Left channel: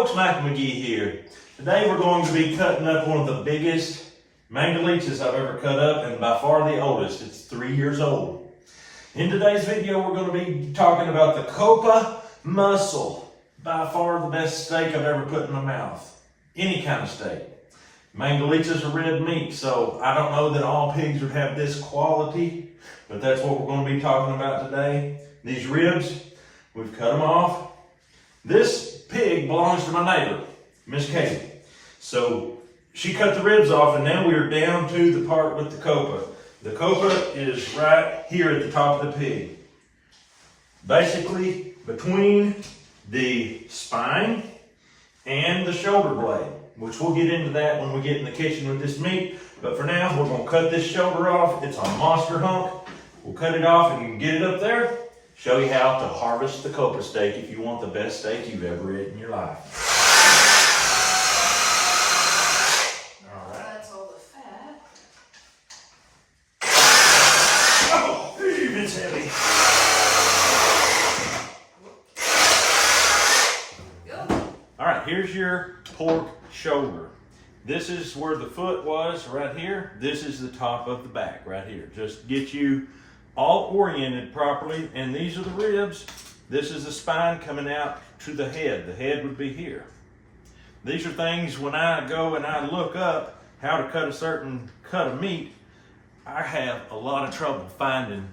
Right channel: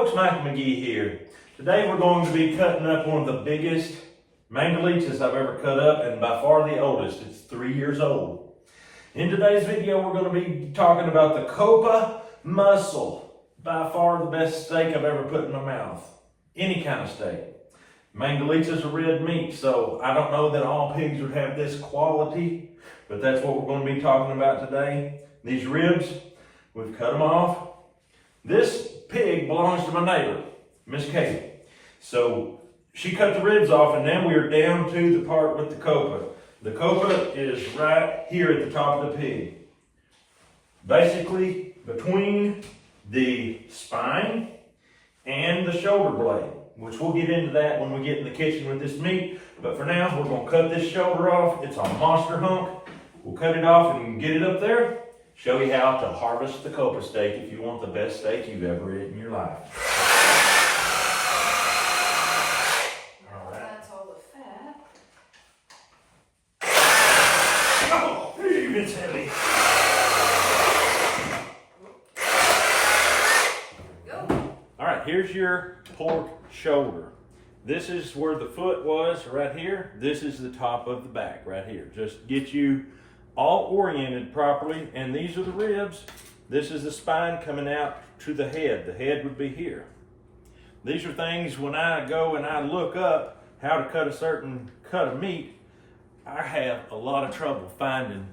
folks, Mike McGee here. Today we're going to be cutting up one of the biggest Mangalitsa I've ever cut up, and by far the oldest. It's 3 years old. In today's video we're going to be talking about the Coppa muscle. By far the best steak I've ever put in my mouth. Any kind of steak. Mangalitsa's a red meat, so I don't know that all pigs would have this quality, but that's what we're going to be talking about today. These ribs, we've cut them off. This pig belongs to my neighbor, Miss Katie. So she cut the ribs off, and now we're down to the part with the Coppa. The Coppa is right here at the top of the pig. Basically between the spine and the shoulder blade, which we'll get into that when we get in the kitchen with this meat. But for now, we're gonna cut this shoulder off. It's a monster hunk. We'll cut it off and get it up there. Show you how to harvest the Coppa steak if you want the best steak you've ever eaten in your life. All right. That's all the fat. Oh, it's heavy. All right, here's your pork shoulder. This is where the foot was right here. This is the top of the back right here. Just get you all oriented properly. And these are the ribs. This is the spine coming out to the head. The head would be here. These are things when I go and I look up how to cut a certain cut of meat, I have a lot of trouble finding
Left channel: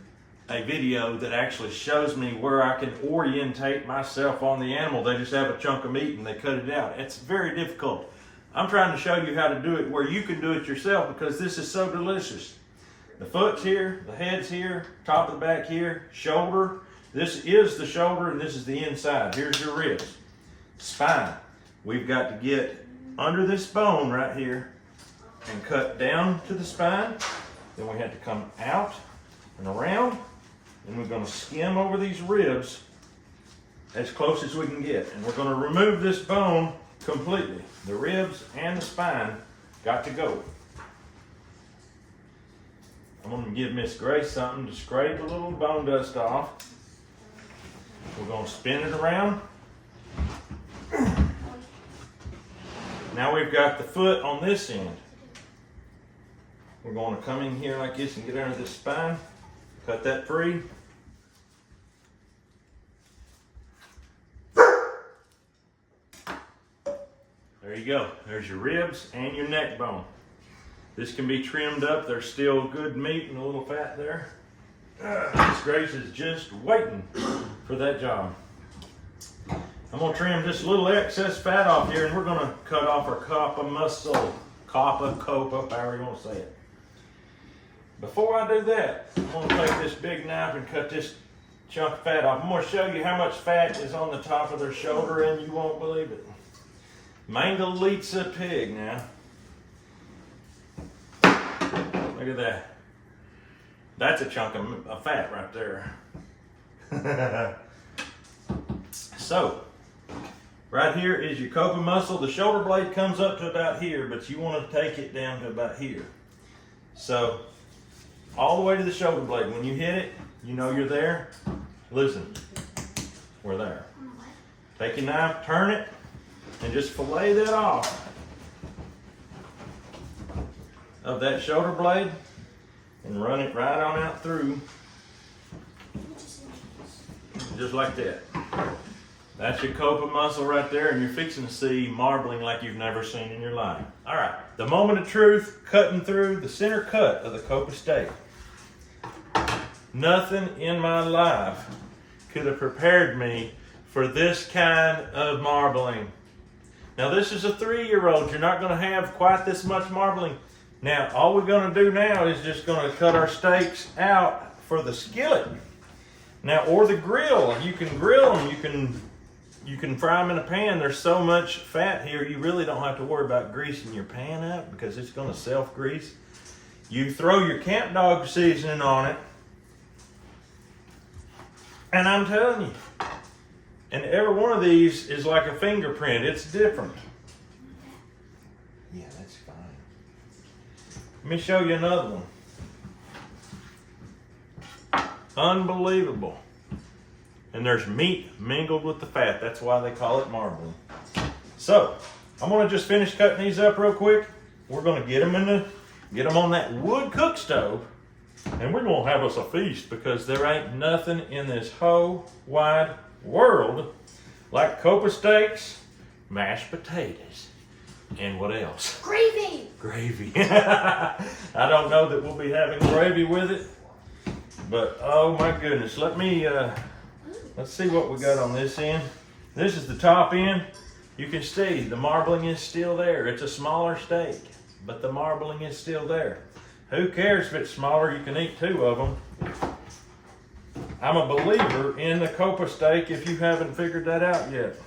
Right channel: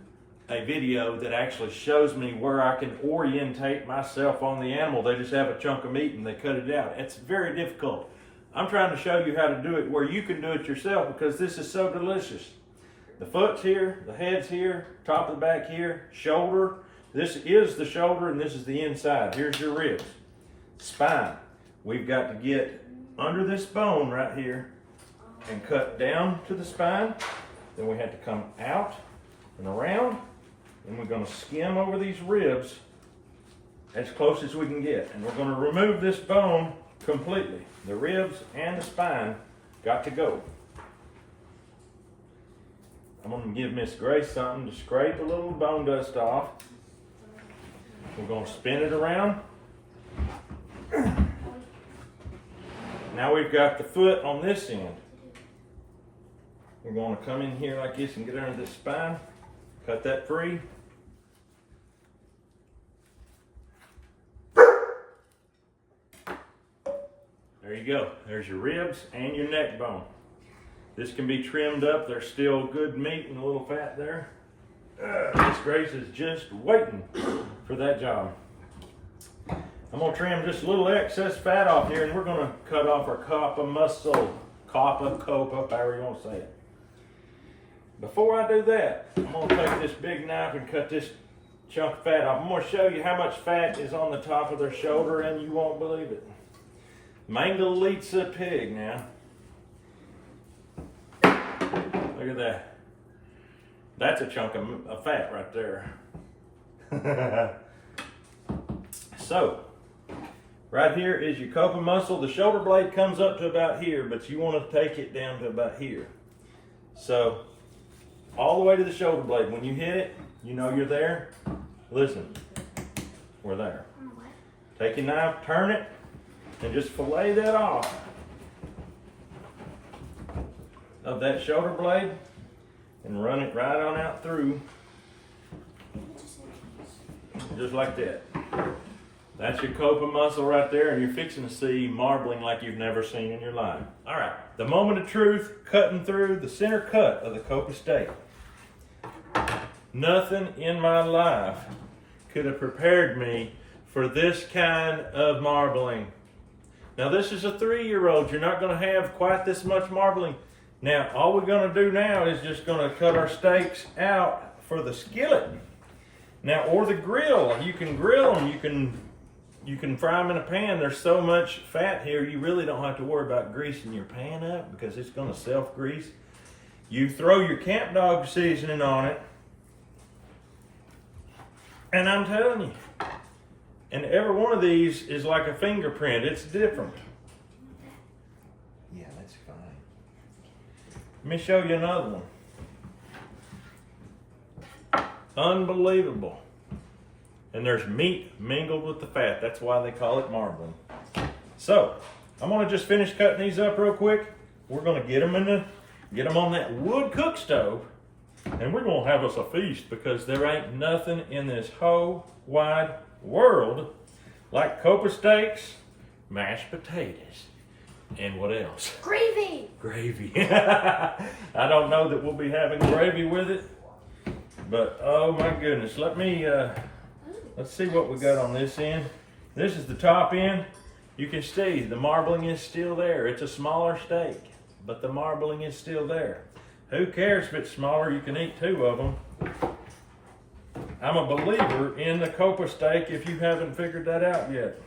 a video that actually shows me where I can orientate myself on the animal. They just have a chunk of meat and they cut it out. It's very difficult. I'm trying to show you how to do it where you can do it yourself because this is so delicious. The foot's here, the head's here, top of the back here, shoulder. This is the shoulder and this is the inside. Here's your ribs. Spine. We've got to get under this bone right here and cut down to the spine. Then we have to come out and around. And we're going to skim over these ribs as close as we can get. And we're going to remove this bone completely. The ribs and the spine got to go. I'm going to give Miss Grace something to scrape a little bone dust off. We're going to spin it around. Now we've got the foot on this end. We're going to come in here like this and get under this spine. Cut that free. There you go. There's your ribs and your neck bone. This can be trimmed up. There's still good meat and a little fat there. Miss Grace is just waiting for that job. I'm going to trim just a little excess fat off here, and we're going to cut off our Coppa muscle. Coppa, however you want to say it. Before I do that, I'm going to take this big knife and cut this chunk of fat off. I'm going to show you how much fat is on the top of their shoulder, and you won't believe it. Mangalitsa pig now. Look at that. That's a chunk of fat right there. So, right here is your Coppa muscle. The shoulder blade comes up to about here, but you want to take it down to about here. So, all the way to the shoulder blade. When you hit it, you know you're there. Listen, we're there. Take your knife, turn it, and just fillet that off of that shoulder blade and run it right on out through, just like that. That's your Coppa muscle right there, and you're fixing to see marbling like you've never seen in your life. All right, the moment of truth, cutting through the center cut of the Coppa steak. Nothing in my life could have prepared me for this kind of marbling. Now this is a 3-year-old. You're not going to have quite this much marbling. Now all we're going to do now is just going to cut our steaks out for the skillet. Now, or the grill. You can grill them. You can fry them in a pan. There's so much fat here, you really don't have to worry about greasing your pan up because it's going to self-grease. You throw your camp dog seasoning on it, and I'm telling you, and every one of these is like a fingerprint. It's different. Yeah, that's fine. Let me show you another one. Unbelievable. And there's meat mingled with the fat. That's why they call it marbling. So I'm gonna just finish cutting these up real quick. We're gonna get them on that wood cook stove, and we're gonna have us a feast because there ain't nothing in this whole wide world like Coppa steaks, mashed potatoes, and what else? Gravy. Gravy. I don't know that we'll be having gravy with it, but oh my goodness. Let's see what we got on this end. This is the top end. You can see the marbling is still there. It's a smaller steak, but the marbling is still there. Who cares if it's smaller? You can eat 2 of them. I'm a believer in the Coppa steak if you haven't figured that out yet.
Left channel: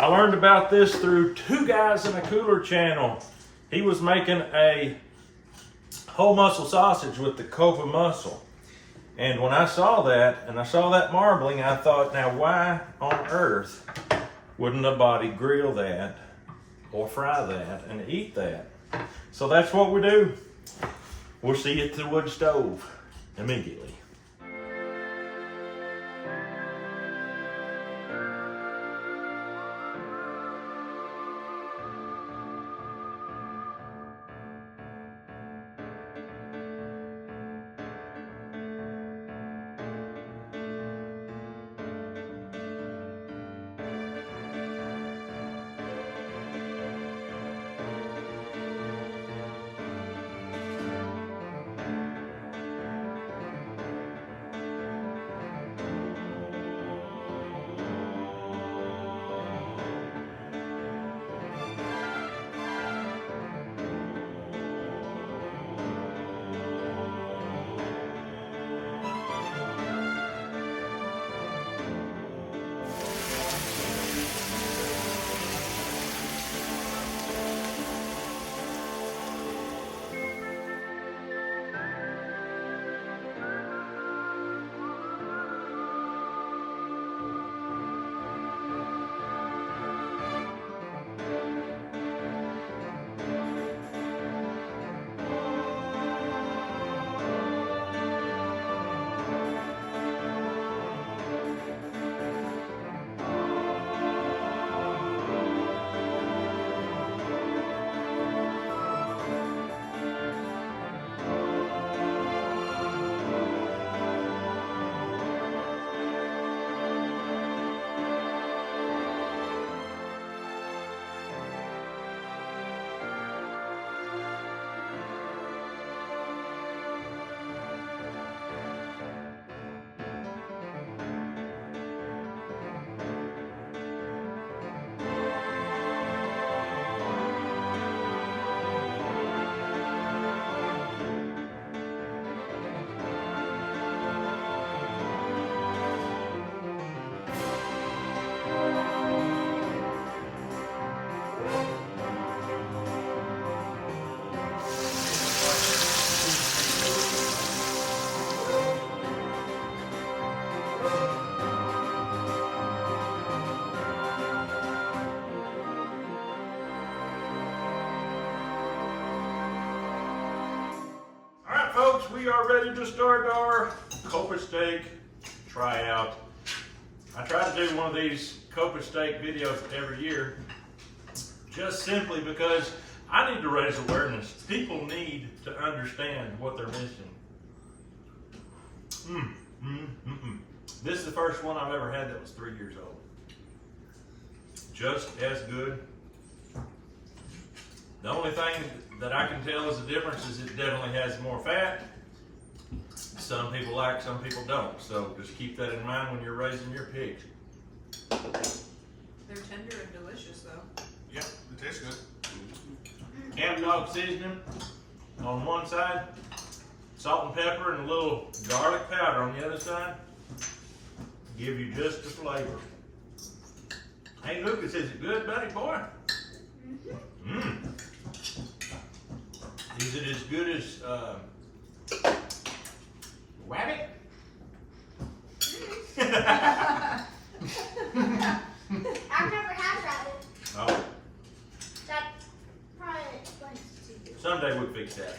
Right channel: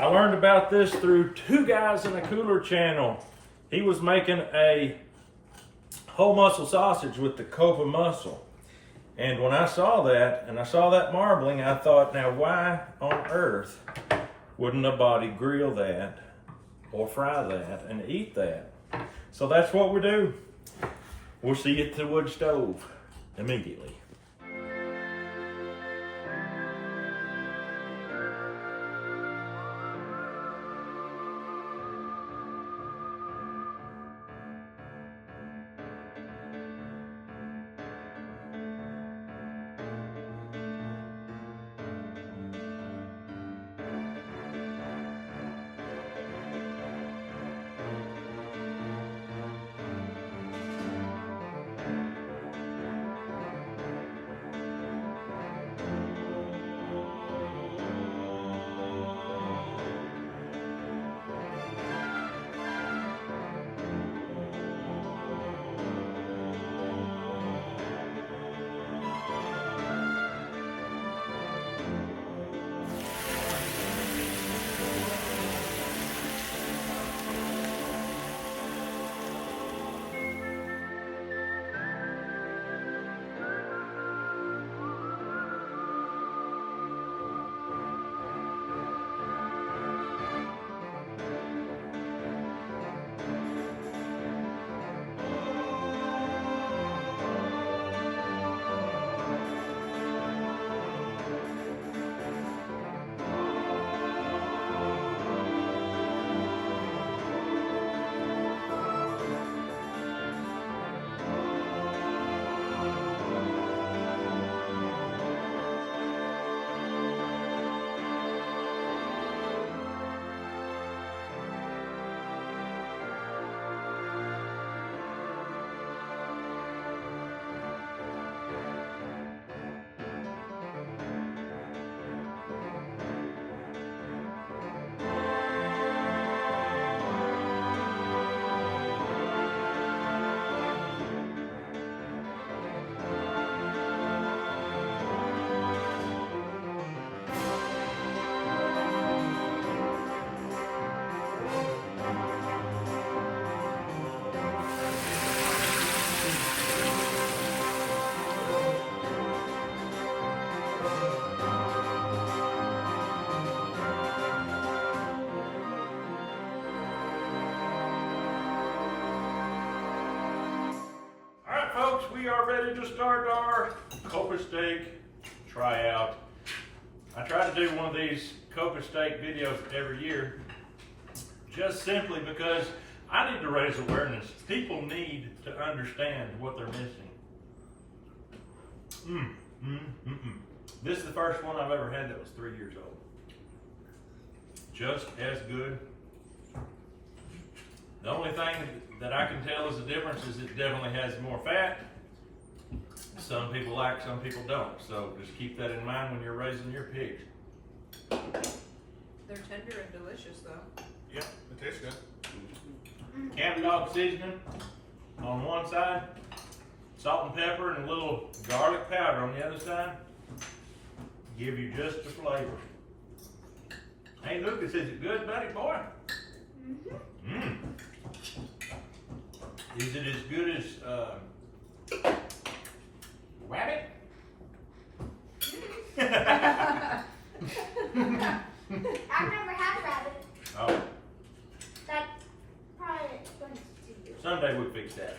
I learned about this through 2 guys in a cooler channel. He was making a whole muscle sausage with the Coppa muscle. And when I saw that, and I saw that marbling, I thought, now why on earth wouldn't a body grill that or fry that and eat that? So that's what we do. We'll see you at the wood stove immediately. Folks, we are ready to start our Coppa steak tryout. I try to do one of these Coppa steak videos every year, just simply because I need to raise awareness. People need to understand what they're missing. This is the first one I've ever had that was 3 years old. Just as good. The only thing that I can tell is the difference is it definitely has more fat. Some people like, some people don't. So just keep that in mind when you're raising your pigs. They're tender and delicious though. Yep, it tastes good. Camp dog seasoning on one side, salt and pepper and a little garlic powder on the other side. Give you just the flavor. Hey Lucas, is it good, buddy boy? Is it as good as rabbit? I've never had rabbit. Oh, That probably explains to you. someday we'll fix that.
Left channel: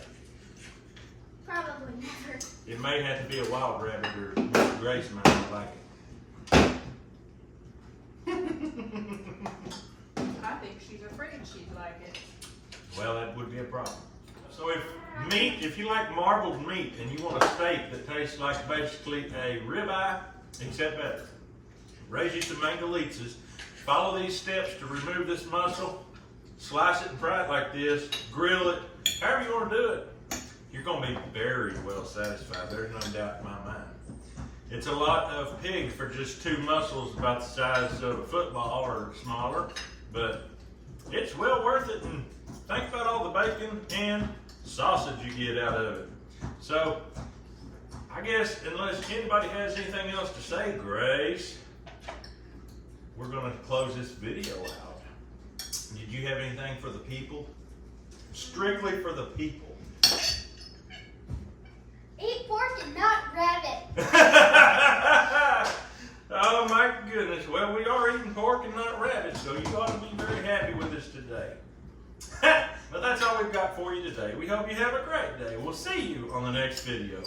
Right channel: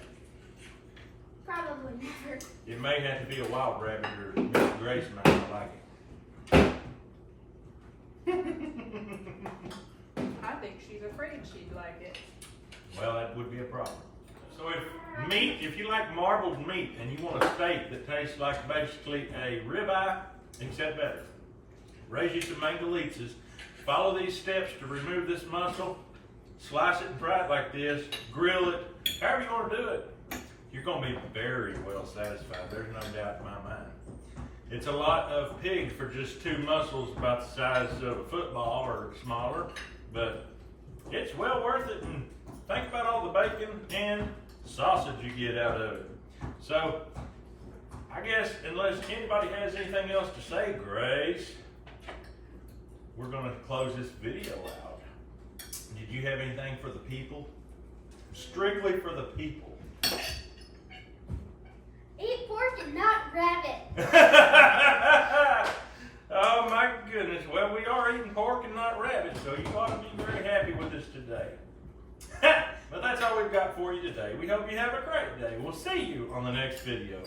Probably never. It may have to be a wild rabbit or Mr. Grace might not like it. well, that would be a problem. So if you like marbled meat and you want a steak that tastes like basically a ribeye, except better, raise you some Mangalitsa's. Follow these steps to remove this muscle. Slice it and fry it like this. Grill it. However you want to do it. You're going to be very well satisfied. There's no doubt in my mind. It's a lot of pig for just 2 muscles about the size of a football or smaller, but it's well worth it. And think about all the bacon and sausage you get out of it. So, I guess unless anybody has anything else to say, Grace, we're going to close this video out. Did you have anything for the people? Strictly for the people. Eat pork and not rabbit. Oh my goodness. Well, we are eating pork and not rabbit, so you ought to be very happy with us today. But that's all we've got for you today. We hope you have a great day. We'll see you on the next video.